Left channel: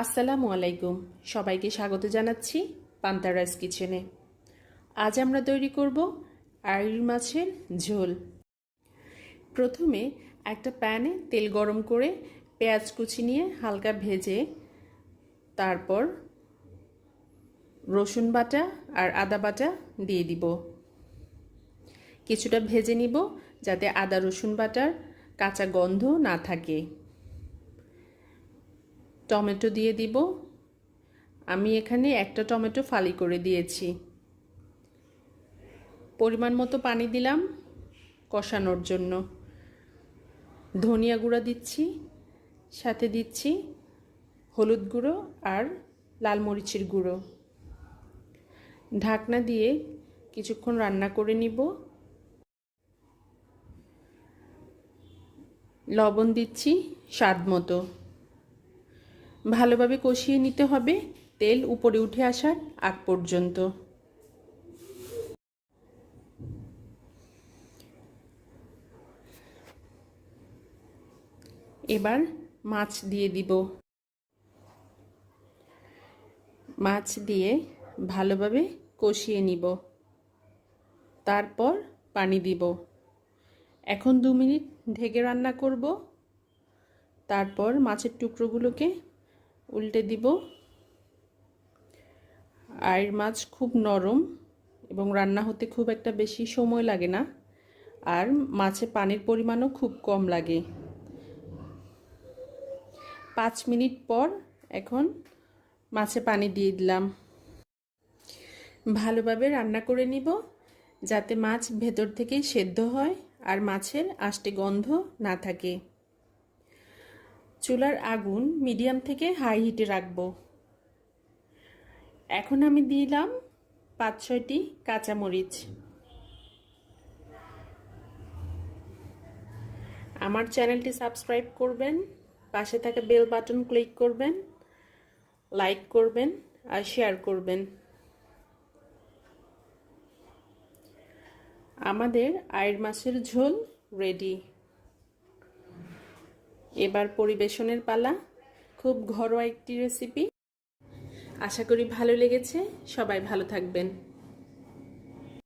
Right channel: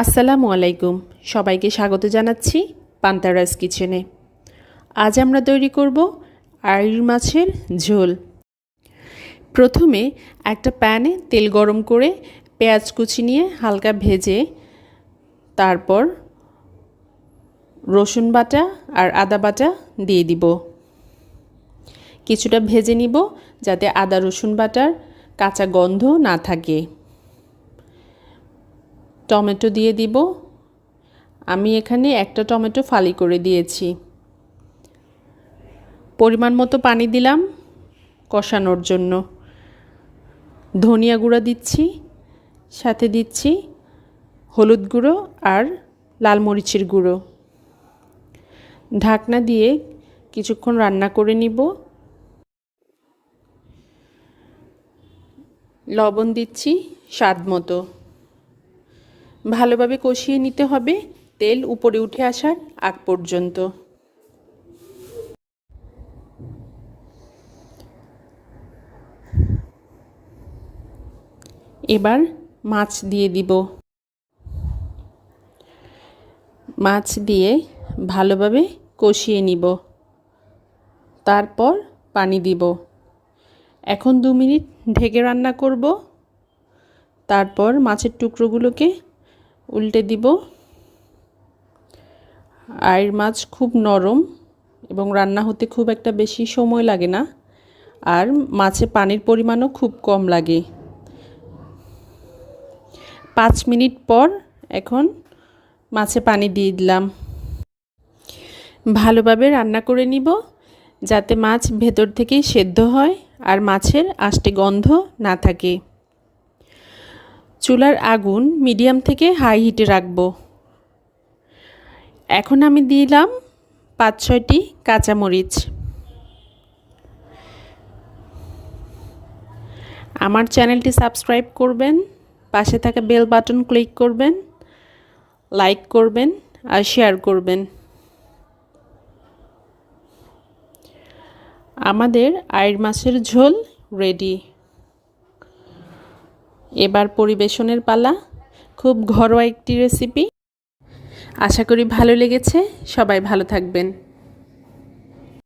আসসালামু আলাইকুম, সবাইকে স্বাগত জানাচ্ছি পান্তারাস কিচেনে। আজ আমরা তৈরি করব আইড় মাছের ঝোল। প্রথমে একটা প্যানে তেল গরম করে পেঁয়াজ কুচি নিয়ে হালকা ভেজে তারপর রসুন বাটা আর আদা বাটা দিয়ে দিব। কিছুটা ভেজে নিব যাতে আদা রসুন বাটার কাঁচা গন্ধ না থাকে। টমেটো দিয়ে দিব। আমি এখানে একটা টমেটো ফালি করে দিয়েছি। পরিমাণ মতো পানি দিলাম কষানোর জন্য। ধনিয়া গুঁড়া দিচ্ছি, সাথে দিচ্ছি হলুদ গুঁড়ো আর লাল মরিচের গুঁড়ো। ঢাকনা দিয়ে কিছুক্ষণ রান্না করে নিব। লবণ দিচ্ছি স্বাদ মতো। ভালোভাবে কষিয়ে নিতে হবে তেল উপরে উঠে আসার আগ পর্যন্ত। এবার মাছ দিয়ে দিব। মাছ দিয়ে ভালোভাবে কষিয়ে নিব, তারপর পানি দিব। এখন 2 মিনিট ঢেকে রান্না করব। তারপর মাছের টুকরোগুলোকে উল্টে দিব। আইড় মাছ খুব নরম এবং রান্না হতে খুব একটা বেশি সময় লাগে না, আর মাছে পানির পরিমাণও খুব কম লাগে। 5 মিনিট পর এখন মাছে পানি দিয়ে দিলাম। ভালোভাবে রান্না করে নিব যাতে মাছ ভেতর থেকে সেদ্ধ হয় আর মাছের আষ্টে গন্ধ না থাকে। চুলার আগুন মিডিয়াম থেকে হাই হিটে রাখবো। এখন আমি দিলাম 5-6টি কাঁচামরিচ। আমার চ্যানেলটি সাবস্ক্রাইব করবেন, পাশে থাকা বেল বাটন ক্লিক করবেন, লাইক করবেন আর শেয়ার করবেন। আমাদের আইড় মাছের ঝোল রেডি। এবার পরিবেশনের পালা। খুব ঘরোয়া একটি রেসিপি। আশা করি ভালো লেগেছে। সবাই ভালো থাকবেন।